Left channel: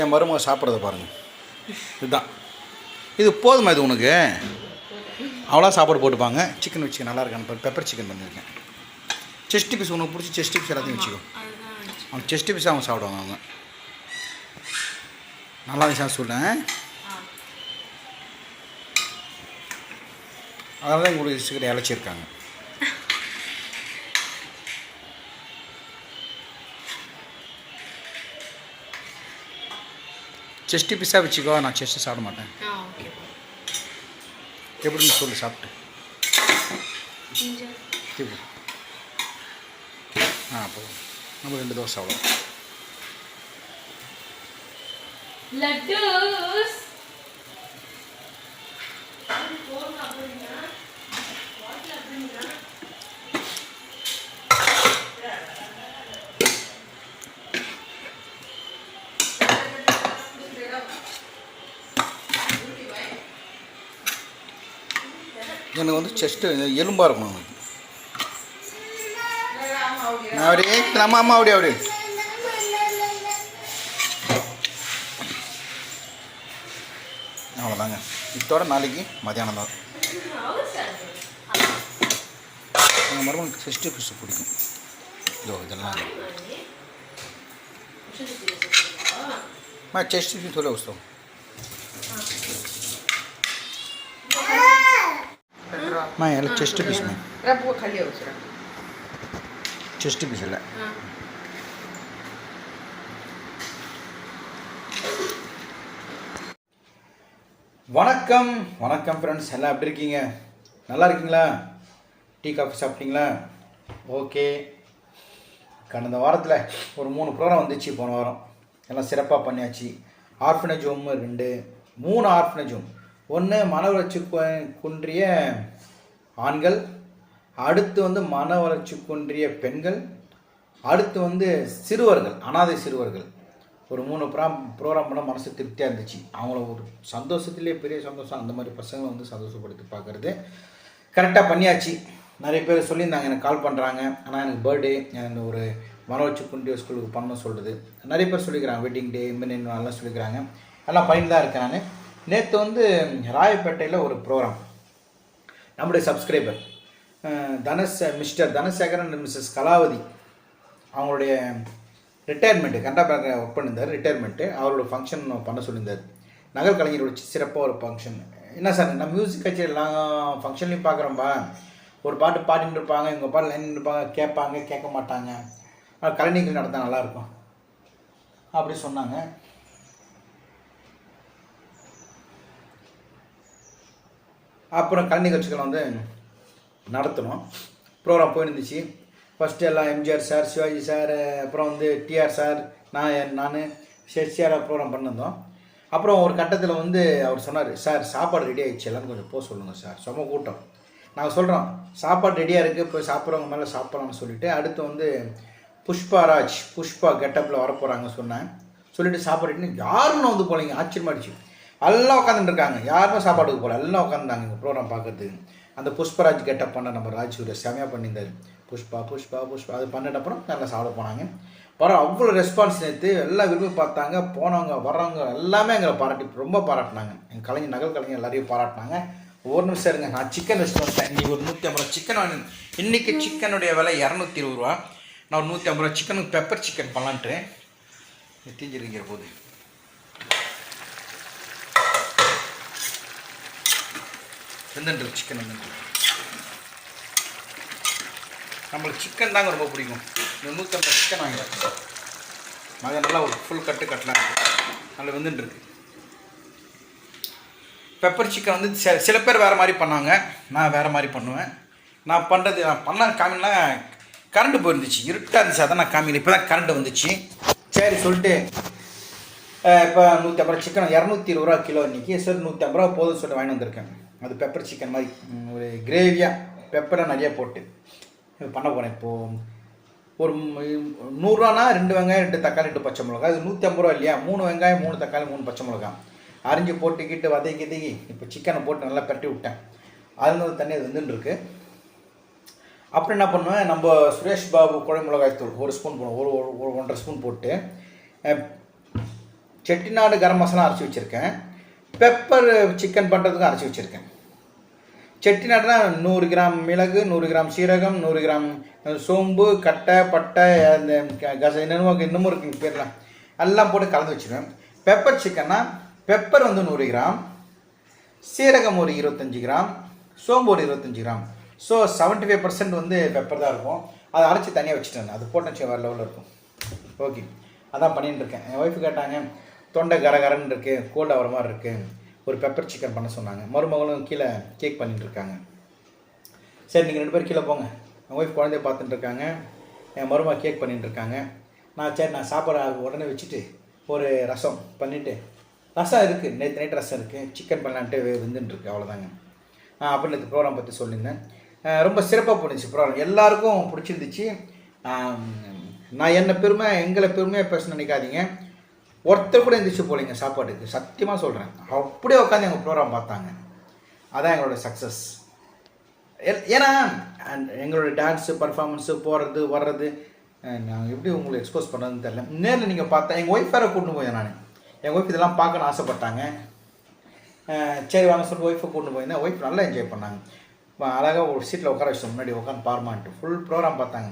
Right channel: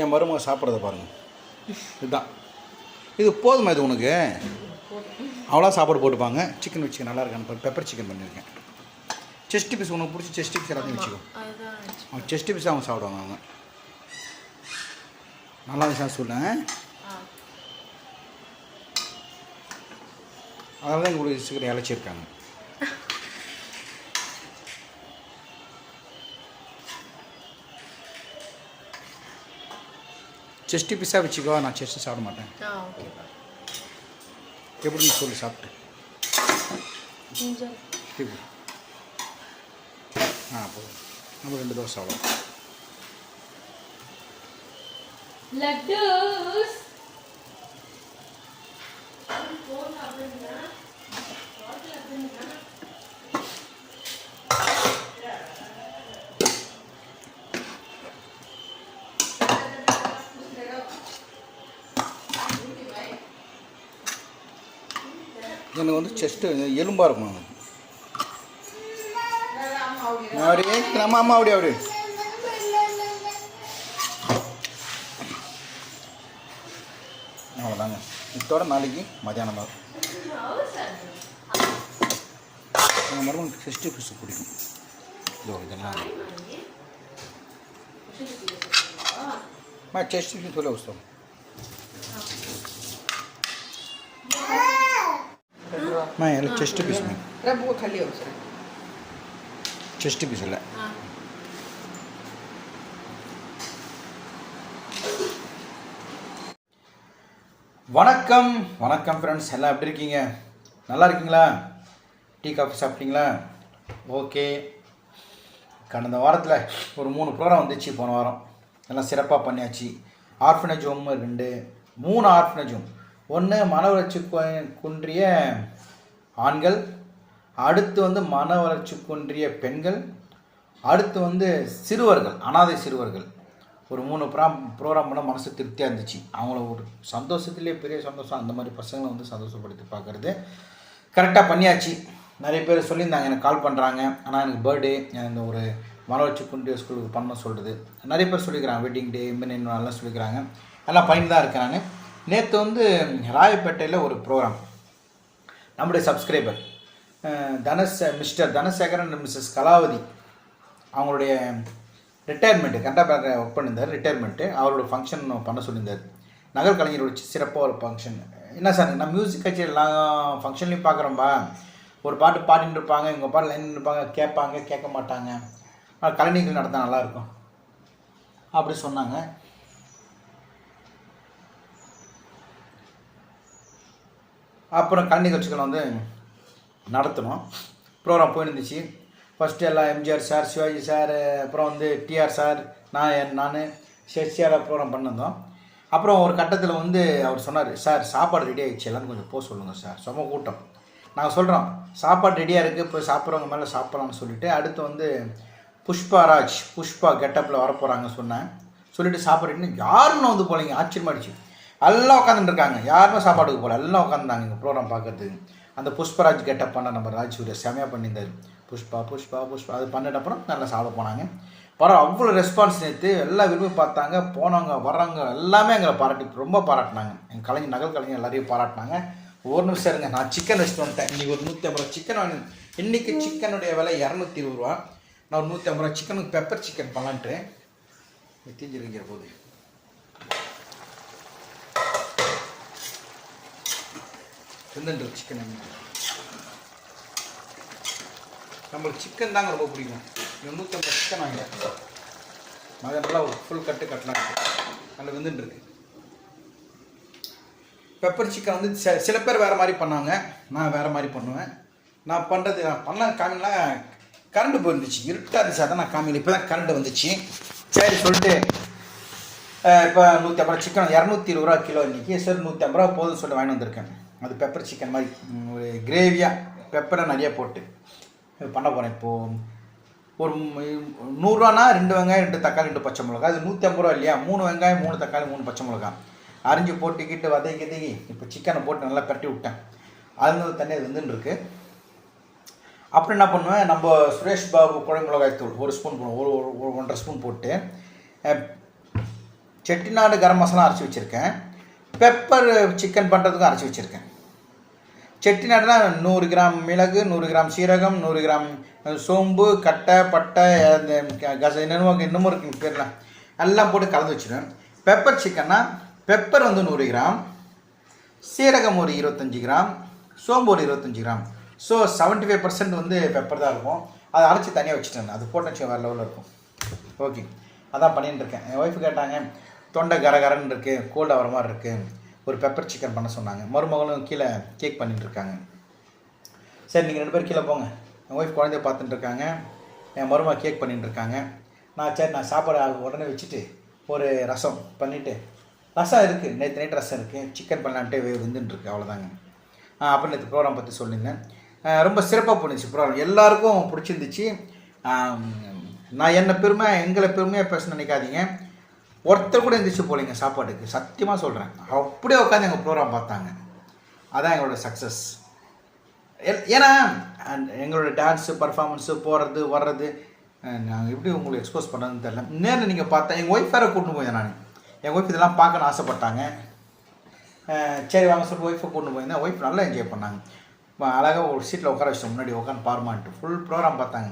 என் மருமக சாப்பிட்றத பாருங்கள். இதுதான் இது போதுமா? இது உனக்கு அவ்வளோ சாப்பாடு போட்டுப்பாங்க. சிக்கன் வச்சுக்க நல்லா இருக்கான்னு பெப்பர் சிக்கன் பண்ணியிருக்கேன். செஸ்ட் பீஸ் உனக்கு பிடிச்சி செஸ்ட் பீஸ் எல்லாத்தையும் வச்சுக்கோ. அவங்க செஸ்ட் பீஸ் அவங்க சாப்பிடுவாங்க. அவங்க நல்லா இருந்துச்சு சொல்லேன். அதனால தான் எங்களுக்கு சீக்கிரம் இழைச்சிருக்காங்க. செஸ்ட்டு பீஸாக வச்சுக்கோ. நான் செஸ்ட்டு சாப்பிட மாட்டேன். எப்படின்னு சொல்லு சாப்பிட்டு. போதும். நம்ம 2 தோசை அவ்வளோ. லட்டூஸ் எனக்கு வந்து செஸ்ட்டு எலும்பாக இருக்கணும். எனக்கு அப்படியே நம்ம அம்மா அப்படி அவ்வளோதாங்க. இதோட நாளைக்கு மதியானம் தான். எங்கள் மருமனுக்கு செஸ்ட்டு ஃபிஷ் பிடிக்கும். இதெல்லாம் செஸ்ட்டு ஃபிஷ் थोड़ा उसको मैं यार चेस्ट पीस में वो खाली हो रहा चेस्ट पीस है. வணக்கம் வணக்கம் ஃப்ரெண்ட்ஸ், எல்லாம் எப்படி இருக்கீங்க? நல்லா இருக்கீங்களா? டீ காஃபி சாப்பிட்டீங்களா? ஓகே. கடந்த வாரத்தில் ஒரு 3 ப்ரோக்ராம் வந்துச்சு. போன வாரம் எல்லாம் சிறப்பாக பண்ணியாச்சு. Orphanage home 3 orphanage home. 1 மன வளர்ச்சி குன்றிய ஆண்கள், அடுத்து வந்து மன வளர்ச்சி குன்றிய பெண்கள், அடுத்து வந்து சிறுவர்கள், அனாதை சிறுவர்கள். ஒரு 3 ப்ரோக்ராம் பண்ண மனசு திருப்தியாக இருந்துச்சு. அவங்கள ஒரு சந்தோஷத்துலேயே பெரிய சந்தோஷம். அந்த மாதிரி பசங்களை வந்து சந்தோஷப்படுத்தி பார்க்குறது கரெக்டாக பண்ணியாச்சு. நிறைய பேர் சொல்லியிருந்தாங்க, எனக்கு கால் பண்ணுறாங்க. ஆனால் எனக்கு பர்த்டே, இந்த ஒரு மன வளர்ச்சி குன்றிய ஸ்கூலுக்கு பண்ண சொல்கிறது நிறைய பேர் சொல்லிக்கிறாங்க. வெட்டிங் டே இம்மின் எல்லாம் சொல்லிக்கிறாங்க. எல்லாம் பண்ணிட்டு தான் இருக்கிறாங்க. நேற்று வந்து ராயப்பேட்டையில் ஒரு ப்ரோக்ராம். நம்முடைய subscriber mister Dhanasekaran missus Kalavathi அவங்களுடைய ரிட்டையர்மெண்ட்டு, கனரா பேங்க் ஒர்க் பண்ணியிருந்தார். ரிட்டையர்மெண்ட்டு அவரோட ஃபங்க்ஷன் பண்ண சொல்லியிருந்தார். நகல் கலைஞரோட சிறப்பாக ஒரு ஃபங்க்ஷன். என்ன சார், நான் மியூசிக் கச்சேரி எல்லா ஃபங்க்ஷன்லையும் பார்க்குறோம்பா. ஒரு பாட்டு பாடிட்டு இருப்பாங்க, இவங்க பாட்டு லைன் இருப்பாங்க, கேட்பாங்க, கேட்க மாட்டாங்க. ஆனால் கலை நிகழ்ச்சி நடத்தால் நல்லாயிருக்கும் அப்படி சொன்னாங்க. அப்புறம் கலை நிகழ்ச்சிகள் வந்து நடத்தணும். ப்ரோக்ராம் போயிருந்துச்சு. ஃபஸ்ட்டு எல்லாம் எம்ஜிஆர் சார், சிவாஜி சார், அப்புறம் வந்து டிஆர் சார், நான் ஷெட்சியாராக ப்ரோக்ராம் பண்ணியிருந்தோம். அப்புறம் ஒரு கட்டத்தில் வந்து அவர் சொன்னார், சார் சாப்பாடு ரெடி ஆகிடுச்சு, எல்லாரும் கொஞ்சம் போக சொல்லுங்கள் சார், செம கூட்டம். நாங்கள் சொல்கிறோம், சாப்பாடு ரெடியாக இருக்குது, போய் சாப்பிட்றவங்க மேலே சாப்பிட்லான்னு சொல்லிவிட்டு அடுத்து வந்து புஷ்பா கெட்டப்பில் வரப்போகிறாங்க சொன்னேன். சொல்லிவிட்டு சாப்பாடு யாருமே வந்து போகலைங்க. ஆச்சரியமாகிடுச்சு. எல்லாம் உட்காந்துட்டு இருக்காங்க, யாருமே சாப்பாடுக்கு போகல, எல்லாம் உட்காந்துருந்தாங்க இங்கே ப்ரோக்ராம் பார்க்குறதுக்கு. அந்த புஷ்பராஜ் கெட்டப் பண்ண நம்ம ராஜ்சூரிய செமையாக பண்ணியிருந்தார். புஷ்பா அது பண்ணிட்ட அப்புறம் நல்லா சாப்பிட போனாங்க. அவ்வளோ ரெஸ்பான்ஸ் நேற்று எல்லாம் விரும்பி பார்த்தாங்க. போனவங்க வர்றவங்க எல்லாமே எங்களை ரொம்ப பாராட்டினாங்க. எங்கள் கலைஞர், நகல் கலைஞர் எல்லாரையும் பாராட்டினாங்க. ஒரு நிமிஷம் இருங்க, நான் சிக்கன் வச்சுட்டு வந்துட்டேன். இன்றைக்கி ஒரு 150 சிக்கன் வாங்கினேன். இன்றைக்கி சிக்கனுடைய விலை 220 ரூபா. நான் ஒரு 150 சிக்கனுக்கு பெப்பர் சிக்கன் பண்ணலான்ட்டு தீஞ்சிருக்கிற போது வெந்துட்டு சிக்கன் வந்து நம்மளுக்கு சிக்கன் தாங்க ரொம்ப பிடிக்கும். 150 சிக்கன் வாங்கிடுறேன். அதை நல்லா ஒரு ஃபுல் கட்டலாம். நல்லா வெந்துட்டுருக்கு. பெப்பர் சிக்கன் வந்து சில பேர் வேறு மாதிரி பண்ணாங்க, நான் வேறு மாதிரி பண்ணுவேன். நான் பண்ண காமிலாம் கரண்ட்டு போயிருந்துச்சு, இருட்டாக இருந்துச்சு, அதான் நான் காமியில். இப்போ தான் கரண்ட்டு வந்துச்சு. சரி சொல்லிட்டு இப்போ 150 சிக்கன் 220 ரூபா கிலோ இன்றைக்கி. சரி 150 ரூபா போதும்னு சொல்லிட்டு வாங்கிட்டு வந்திருக்கேன். அது பெப்பர் சிக்கன் மாதிரி ஒரு கிரேவியாக பெப்பரை நிறையா போட்டு பண்ண போகிறேன். இப்போது ஒரு 100 ரூபானா 2 வெங்காயம் 2 தக்காளி 2 பச்சை மிளகா. அது 150 ரூபா இல்லையா? 3 வெங்காயம் 3 தக்காளி 3 பச்சை மிளகா அரிஞ்சு போட்டுக்கிட்டு வதக்கி இப்போ சிக்கனை போட்டு நல்லா பரட்டி விட்டேன். அது தண்ணி அது வந்துட்டுருக்கு. அப்புறம் என்ன பண்ணுவேன், நம்ம சுரேஷ் பாபு குழம்பு மிளகாய் தூள் 1 ஸ்பூன் போடுவோம். ஒரு 1.5 ஸ்பூன் போட்டு செட்டிநாடு கரம் மசாலா அரைச்சி வச்சுருக்கேன். பெப்பர் சிக்கன் பண்ணுறதுக்கும் அரைச்சி வச்சுருக்கேன். செட்டிநாடுனா 100 கிராம் மிளகு, 100 கிராம் சீரகம், 100 கிராம் சோம்பு, கட்டை, பட்டை, அந்த இன்னமும் இருக்குங்க பேர்லாம் எல்லாம் போட்டு கலந்து வச்சுருவேன். பெப்பர் சிக்கன்னா பெப்பர் வந்து 100 கிராம், சீரகம் ஒரு 25 கிராம், சோம்பு ஒரு 25 கிராம். ஸோ 75% வந்து பெப்பர் தான் இருக்கும். அதை அரைச்சி தனியாக வச்சுட்டேன். அது போட்டு வேறு லெவலில் இருக்கும். ஓகே, அதான் பண்ணிகிட்டு இருக்கேன். என் ஒய்ஃபு கேட்டாங்க, தொண்டை கரகரன்னு இருக்குது, கோல்டு ஆகிற மாதிரி இருக்குது, ஒரு பெப்பர் சிக்கன் பண்ண சொன்னாங்க. மருமகளும் கீழே கேக் பண்ணிகிட்டு இருக்காங்க. சரி, நீங்கள் 2 பேர் கீழே போங்க. என் ஒய்ஃப் குழந்தைய பார்த்துட்டு இருக்காங்க, என் மருமக கேக் பண்ணிகிட்டு இருக்காங்க. நான் சாப்பாடு உடனே வச்சுட்டு ஒரு ரசம் பண்ணிவிட்டு, ரசம் இருக்குது, நேற்று நைட் ரசம் இருக்குது, சிக்கன் பண்ணலான்ட்டு வந்துட்டுருக்கு, அவ்வளோதாங்க. அப்புறம் நேற்று ப்ரோக்ராம் பற்றி சொல்லியிருந்தேன். ரொம்ப சிறப்பாக போணுச்சு ப்ரோக்ராம், எல்லாருக்கும் பிடிச்சிருந்துச்சு. நான் எங்களை பெருமையாக பேச நினைக்காதீங்க. ஒருத்தர் கூட எந்திரிச்சு போகலைங்க சாப்பாட்டுக்கு, சத்தியமாக சொல்கிறேன். அப்படியே உட்காந்து எங்கள் ப்ரோக்ராம் பார்த்தாங்க. அதான் எங்களோட சக்ஸஸ். ஏன்னா எங்களோட டான்ஸு பர்ஃபார்மன்ஸு போகிறது வர்றது நாங்கள் எப்படி உங்களுக்கு எக்ஸ்போஸ் பண்ணுறதுன்னு தெரில. நேரில் நீங்கள் பார்த்தா எங்கள் ஒய்ஃப் வேறு கூட்டின்னு போயிருந்தேன். நான் எங்கள் ஒய்ஃப் இதெல்லாம் பார்க்கணுன்னு ஆசைப்பட்டாங்க. சரி வாங்க சொல்லிட்டு ஒய்ஃபை கூட்டின்னு போயிருந்தேன். ஒய்ஃப் நல்லா என்ஜாய் பண்ணாங்க. அழகாக ஒரு சீட்டில் உட்கார வச்சிட்டோம், முன்னாடி உட்காந்து பாருமான்ட்டு ஃபுல் ப்ரோக்ராம் பார்த்தாங்க.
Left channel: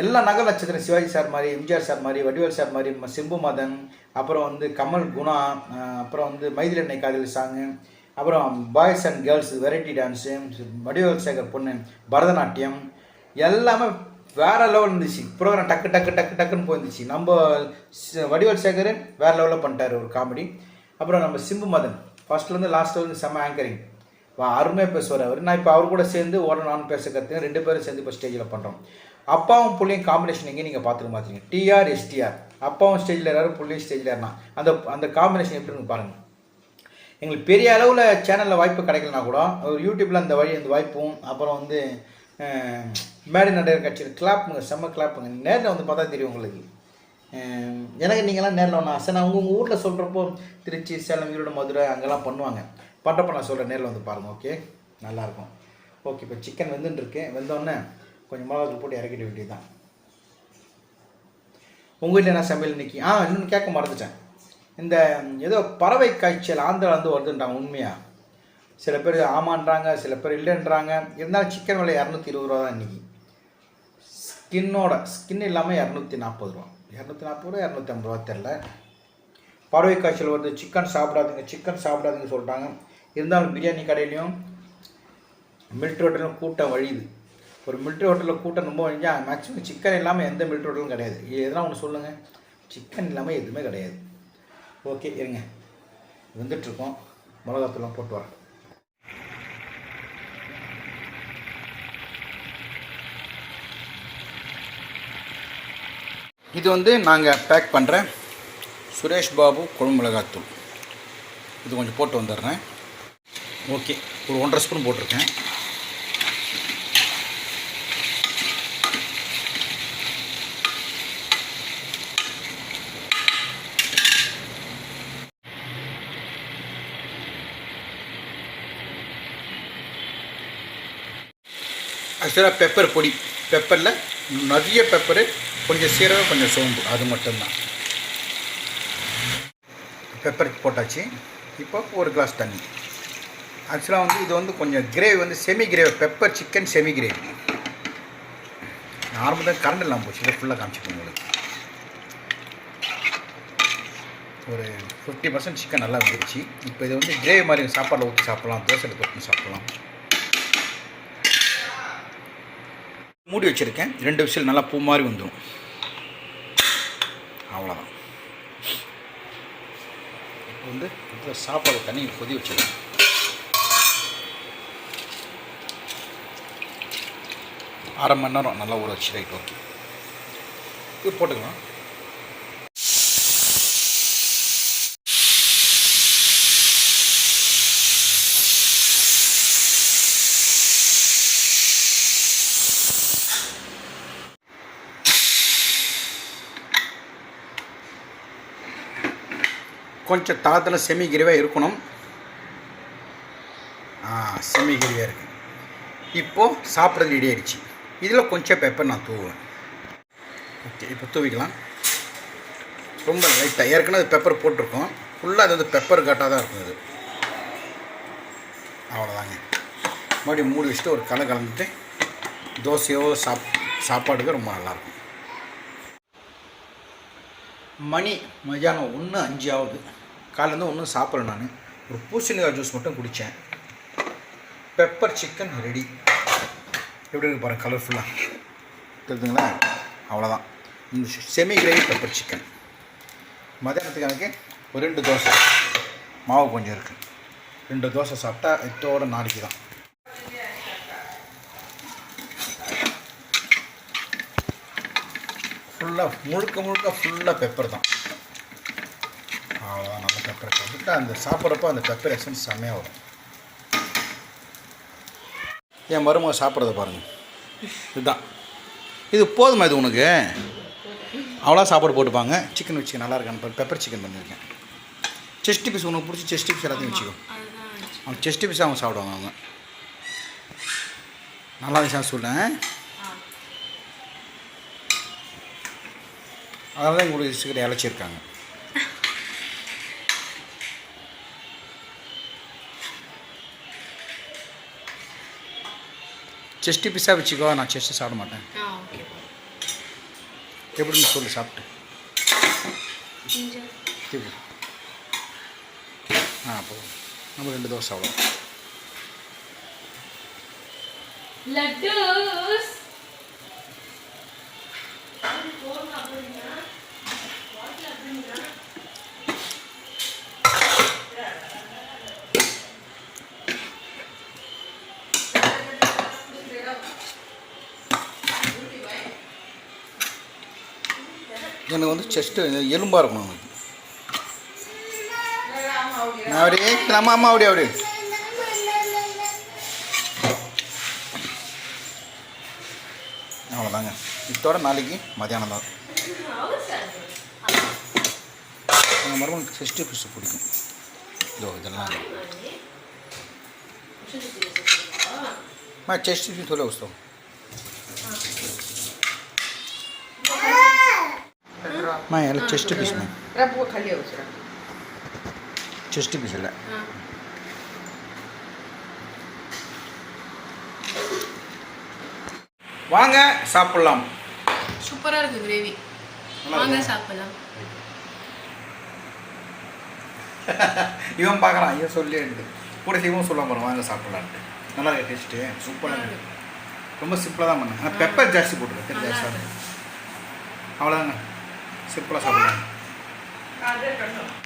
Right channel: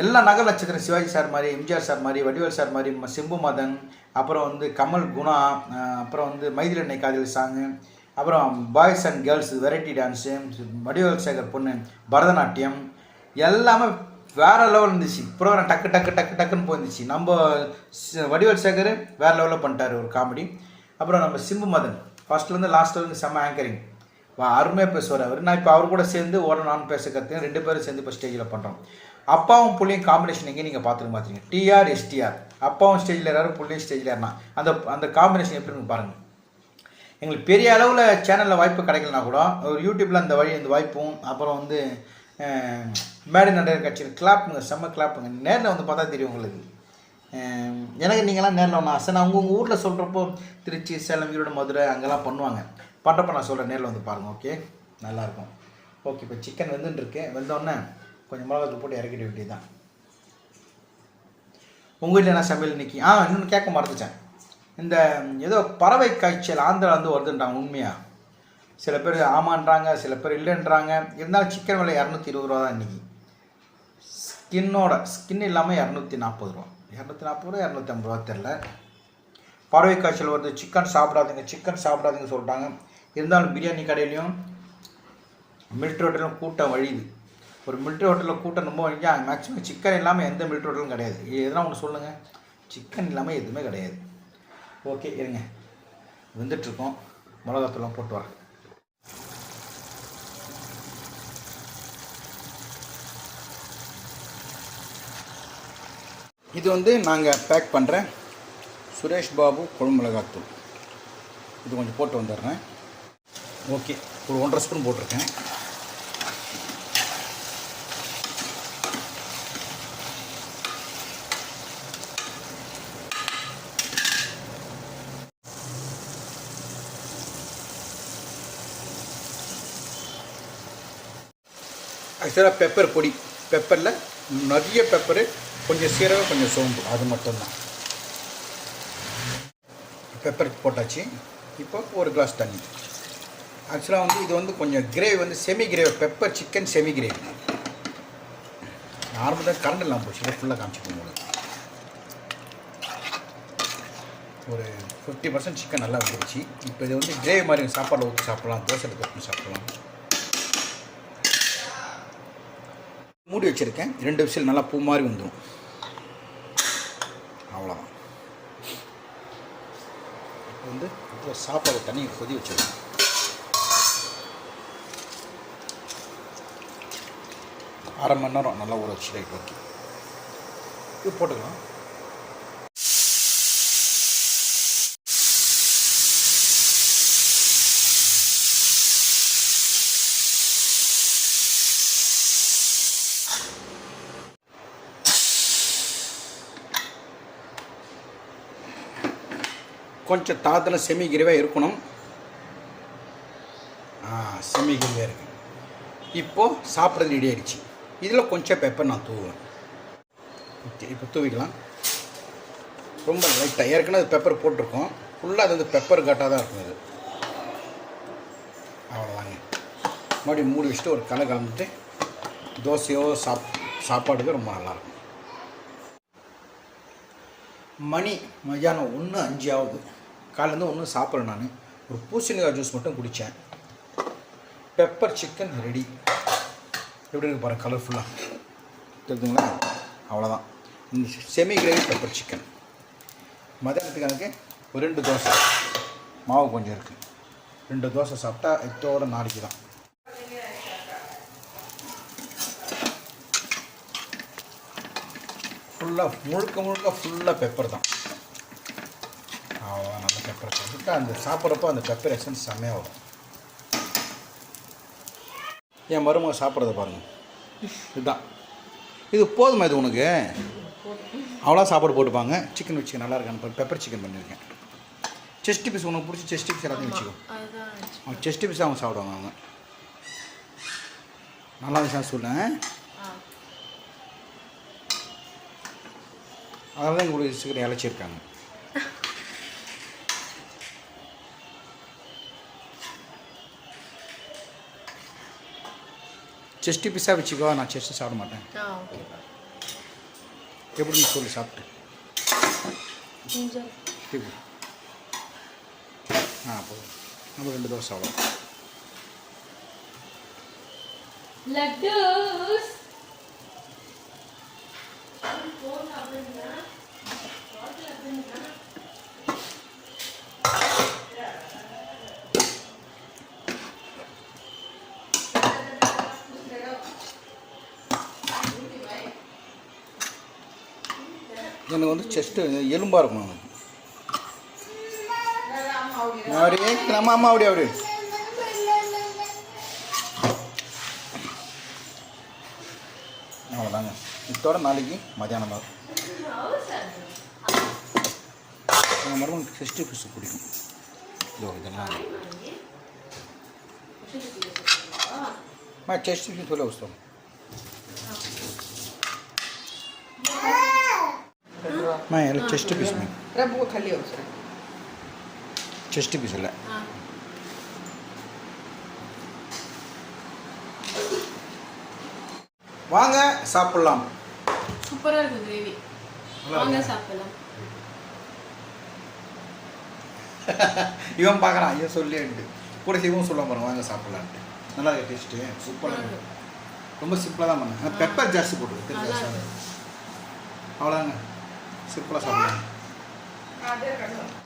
எல்லா நகல் நட்சத்திரம், சிவாஜி சார் மாதிரி, எம்ஜிஆர் சார் மாதிரி, வடிவேல் சார் மாதிரி, சிம்பு மதன், அப்புறம் வந்து கமல் குணா, அப்புறம் வந்து மைதில் எண்ணெய் காதல் சாங்கு, அப்புறம் boys and girls variety dance, Vadivel Sekar பொண்ணு பரதநாட்டியம், எல்லாமே வேறு லெவல் இருந்துச்சு. ப்ரோக்ராம் டக்குன்னு போயிருந்துச்சு. நம்ம வடிவேல் சேகர் வேறு லெவலில் பண்ணிட்டார் ஒரு காமெடி. அப்புறம் நம்ம சிம்பு மதன் ஃபஸ்ட்லேருந்து லாஸ்ட்டில் வந்து செம்ம ஆங்கரிங், அருமையாக பேசுவார் அவர். நான் இப்போ அவர் கூட சேர்ந்து நானும் பேச கற்றுங்க. 2 பேரும் சேர்ந்து இப்போ ஸ்டேஜில் பண்ணுறோம். அப்பாவும் புள்ளியும் காம்பினேஷன் எங்கே நீங்கள் பார்த்துருங்க. டிஆர் எஸ்டிஆர், அப்பாவும் ஸ்டேஜில் ஏறாரு, புள்ளியும் ஸ்டேஜில் ஏறினா அந்த காம்பினேஷன் எப்படின்னு பாருங்கள். எங்களுக்கு பெரிய அளவில் சேனலில் வாய்ப்பு கிடைக்கலனா கூட ஒரு யூடியூப்பில் அந்த வாய்ப்பும், அப்புறம் வந்து மேடை நடிகர் கட்சியில் கிளாப்புங்க, செம்ம கிளாப்புங்க. நேரில் வந்து பார்த்தா தெரியும் உங்களுக்கு. எனக்கு நீங்களாம் நேரில் ஒன்று ஆசை. நான் உங்கள் ஊரில் சொல்கிறப்போ திருச்சி, சேலம், ஈரோடு, மதுரை அங்கெல்லாம் பண்ணுவாங்க. பண்ணுறப்போ நான் சொல்கிறேன், நேரில் வந்து பாருங்கள். ஓகே, நல்லாயிருக்கும். ஓகே, இப்போ சிக்கன் வெந்துட்டுருக்கு. வெந்தோடனே கொஞ்சம் மிளகாத்தூள் போட்டு இறக்கிட வேண்டியது தான். உங்கள் வீட்டில் என்ன சமையல் இன்றைக்கி? இன்னொன்று கேட்க மறந்துட்டேன். இந்த ஏதோ பறவை காய்ச்சல் ஆந்திரா வந்து வருதுன்றாங்க, உண்மையாக? சில பேர் ஆமான்றாங்க, சில பேர் இல்லைன்றாங்க. இருந்தாலும் சிக்கன் விலை 220 ரூபா தான் இன்றைக்கி. ஸ்கின் இல்லாமல் 240 ரூபா, 240 ரூபா 250 ரூபா தெரில. பறவை காய்ச்சல் வருது, சிக்கன் சாப்பிடாதீங்க சொல்லிட்டாங்க. இருந்தாலும் பிரியாணி கடையிலையும் மிலிட்ரி ஹோட்டலும் கூட்டம் வழியுது. ஒரு மிலிட்ரி ஹோட்டலில் கூட்டம் ரொம்ப வழிஞ்சா மேக்ஸிமம் சிக்கன் இல்லாமல் எந்த மிலிட்ரி ஹோட்டலும் கிடையாது. எதனா ஒன்று சொல்லுங்கள், சிக்கன் இல்லாமல் எதுவுமே கிடையாது. ஓகே, இருங்க, வந்துட்டுருக்கோம். மிளகாத்தூள்லாம் போட்டு வரேன். இது வந்து நாங்கள் பேக் பண்ணுற சுரேஷ் பாபு குழம்பு மிளகாத்தூள். இது கொஞ்சம் போட்டு வந்துடுறேன். ஓகே, ஒரு 1.5 ஸ்பூன் போட்டிருக்கேன். ஆக்சுவலாக பெப்பர் பொடி, பெப்பரில் நிறைய பெப்பரு, கொஞ்சம் சீரகம், கொஞ்சம் சோம்பு, அது மட்டும்தான். பெப்பர் போட்டாச்சு. இப்போ ஒரு கிளாஸ் தண்ணி. ஆக்சுவலாக வந்து இது வந்து கொஞ்சம் கிரேவி வந்து semi gravy, pepper chicken semi gravy. Normal தான், கரண்ட் இல்லாமல் போச்சு. இதை ஃபுல்லாக காமிச்சிப்போம் உங்களுக்கு. ஒரு 50% சிக்கன் நல்லா வந்துருச்சு. இப்போ இது வந்து கிரேவி மாதிரி சாப்பாடில் ஊற்றி சாப்பிட்லாம், தோசையில் தொட்டு சாப்பிட்லாம். மூடி வச்சுருக்கேன். 2 விசில் நல்லா பூ மாதிரி வந்துடும். அவ்வளோதான். இப்போ வந்து இப்போ சாப்பாடு தண்ணி கொதி வச்சுருக்கேன். அரை மணி நேரம் நல்லா ஊற வச்சு. ரைட், ஓகே, இது போட்டுக்கலாம். கொஞ்சம் தாத்தில் செமி கிரேவியாக இருக்கணும். செமி கிரேவியாக இருக்குது. இப்போது சாப்பிட்றது ரெடி ஆகிடுச்சு. இதில் கொஞ்சம் பெப்பர் நான் தூவுவேன். ஓகே, இப்போ தூவிக்கலாம். ரொம்ப லைட்டாக ஏற்கனவே பெப்பர் போட்டிருக்கோம். ஃபுல்லாக அது வந்து பெப்பர் கட்டாக தான் இருக்கும். அது அவ்வளோதாங்க. மறுபடியும் மூடி வச்சுட்டு ஒரு கலந்துட்டு தோசையோ சாப்பாடுக்கு ரொம்ப நல்லாயிருக்கும். மணி மதியானம் 1:05 ஆகுது. காலையிலேருந்து ஒன்றும் சாப்பிட்றேன். நான் ஒரு பூசணிக்காய் ஜூஸ் மட்டும் குடித்தேன். Pepper chicken ready. எப்படி இருக்கு பாருங்கள், கலர்ஃபுல்லாக தெரியுதுங்களா? அவ்வளோதான். இந்த செமி கிரேவி பெப்பர் சிக்கன். மதியானத்துக்கு எனக்கு ஒரு 2 தோசை, மாவு கொஞ்சம் இருக்குது. 2 தோசை சாப்பிட்டா இதோட நாளைக்கு தான். ஃபுல்லாக முழுக்க ஃபுல்லாக பெப்பர் தான். அவ்வளோதான். நல்ல பெப்பரை போட்டுட்டு அந்த சாப்பிட்றப்போ அந்த பெப்பர் எசன்ஸ் செம்மையாக வரும். என் மருமக சாப்பிட்றத பாருங்கள். இதுதான், இது போதுமா? இது உனக்கு அவ்வளோ சாப்பாடு போட்டுப்பாங்க. சிக்கன் வச்சுக்க நல்லா இருக்கான்னு பெப்பர் சிக்கன் பண்ணியிருக்கேன். செஸ்ட் பீஸ் உனக்கு பிடிச்சி செஸ்ட் பீஸ் எல்லாத்தையும் வச்சுக்கோ. அவங்க செஸ்ட் பீஸ் அவங்க சாப்பிடுவாங்க. அவங்க நல்லா இருந்துச்சா சொல்லேன். அதனால தான் உங்களுக்கு சீக்கிரம் இழைச்சிருக்காங்க. செஸ்ட்டு பீஸாக வச்சுக்கோ. நான் செஸ்ட்டு சாப்பிட மாட்டேன். எப்படின்னு சொல்லு சாப்பிட்டு. போதும். நம்ம 2 தோசை அவ்வளோ. லட்டூஸ் எனக்கு வந்து செஸ்ட்டு எலும்பாக இருக்கணும். எனக்கு நான் அப்படியே நம்ம அம்மா அப்படியே அவ்வளோதாங்க. இதோட நாளைக்கு மதியானம் தான். எங்கள் மருமனுக்கு செஸ்ட்டு பீஸ் பிடிக்கும். இதெல்லாம் चेस्ट भी थोड़ा उसको मैं यार चेस्ट पीस में रबो खाली हो सर चेस्ट पीस है வாங்க சாப்பிடலாம். சூப்பரா இருக்கு கிரேவி. வாங்க சாப்பிடலாம். இவன் பார்க்குறான், ஐயோ சொல்லி கூட செய்வோம் சொல்ல போகிறோம். வாங்க சாப்பிட்லான்ட்டு. நல்லா இருக்கு டேஸ்ட்டு, சூப்பராக இருக்குது. ரொம்ப சிம்பிளாக தான் பண்ணேன். ஆனால் பெப்பர் ஜாஸ்தி போட்டுருக்கு. ஜாஸ்தி அவ்வளோதாங்க. சிம்பிளாக சாப்பிடுங்க.